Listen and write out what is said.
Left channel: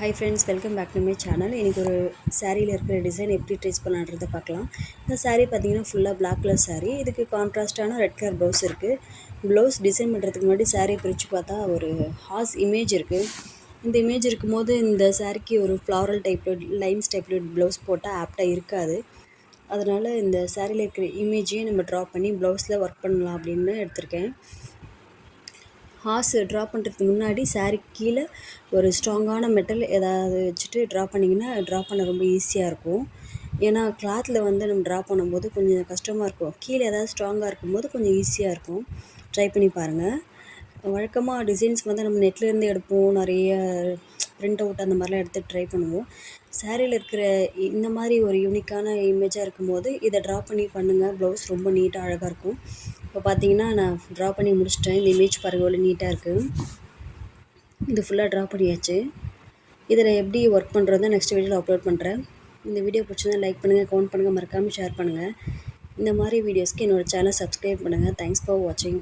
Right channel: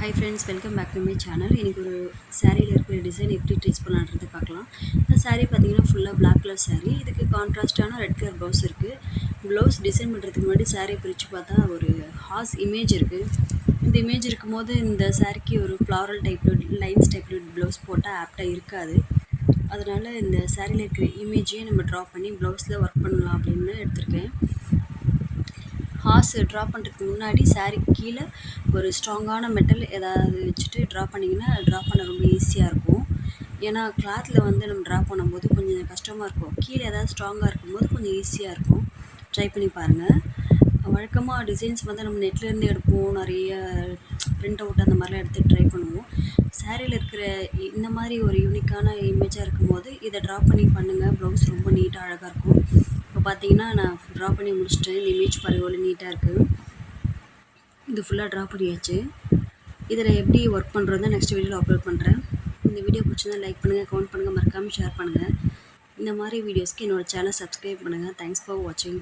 Hi friends, welcome back to my channel. இன்றைக்கி ஒரு சாரியில் இருக்கிற டிசைன் எப்படி ட்ரேஸ் பண்ணலான்றதை பார்க்கலாம். இந்த சாரீ பார்த்திங்கன்னா ஃபுல்லாக பிளாக் கலர் சாரீ. இதுக்கு கான்ட்ராஸ்டான ரெட் கலர் ப்ளவுஸ் இருக்குது. ப்ளவுஸ் டிசைன் பண்ணுறதுக்கு முன்னாடி சாரீ பிரித்து பார்த்தா ஒரு ஹார்ஸ் இமேஜ் இருக்குது. இந்த இமேஜ் இருக்கும்போது இந்த சாரீக்கு ஒரு ஃப்ளாரல் டைப்பில் லைன்ஸ் டைப்பில் ப்ளவுஸ் போட்டால் ஆப்டாக இருக்காது. அதனால் இந்த சாரியில் இருக்கிற இமேஜையும் நம்ம ட்ரா பண்ணி ப்ளவுஸில் ஒர்க் பண்ணலாம் அப்படின்னு எடுத்திருக்கேன். ஹார்ஸ் ட்ரா பண்ணுறதுக்கு முன்னாடி சாரீக்கு கீழே ஒரு ஸ்ட்ராங்கான மெட்டல் ஏதாவது வச்சுட்டு ட்ரா பண்ணிங்கன்னா ட்ரா பண்ண ரொம்ப ஈஸியாக இருக்கும். ஏன்னா கிளாத்தில் வந்து நம்ம ட்ரா பண்ணும்போது கொஞ்சம் கஷ்டமாக இருக்கும். கீழே ஏதாவது ஸ்ட்ராங்காக இருக்கும்போது கொஞ்சம் ஈஸியாக இருக்கும். ட்ரை பண்ணி பாருங்கள். வழக்கமாக டிசைன்ஸ் வந்து நம்ம நெட்லேருந்து எடுப்போம், நிறைய பிரிண்ட் அவுட் அந்த மாதிரிலாம் எடுத்து ட்ரை பண்ணுவோம். சாரியில் இருக்கிற இந்த மாதிரி ஒரு யூனிக்கான இமேஜாக இருக்கும்போது இதை ட்ரா பண்ணி பண்ணுங்கள். ப்ளவுஸ் ரொம்ப நீட்டாக அழகாக இருக்கும். இப்போ பார்த்தீங்கன்னா நான் ட்ரா பண்ணி முடிச்சிட்டேன். இந்த இமேஜ் பாருங்கள் எவ்வளோ நீட்டாக இருக்குது. இது ஃபுல்லாக ட்ரா பண்ணியாச்சு. இதில் எப்படி ஒர்க் பண்ணுறது நெக்ஸ்ட் வீடியோவில் அப்லோட் பண்ணுறேன். இந்த வீடியோ பிடிச்சிருந்தா லைக் பண்ணுங்கள், கமெண்ட் பண்ணுங்கள், மறக்காமல் ஷேர் பண்ணுங்கள். இந்த மாதிரி வீடியோஸ்க்கு என்னோடய சேனல் சப்ஸ்கிரைப் பண்ணுங்கள். தேங்க்ஸ் ஃபார் வாட்சிங்.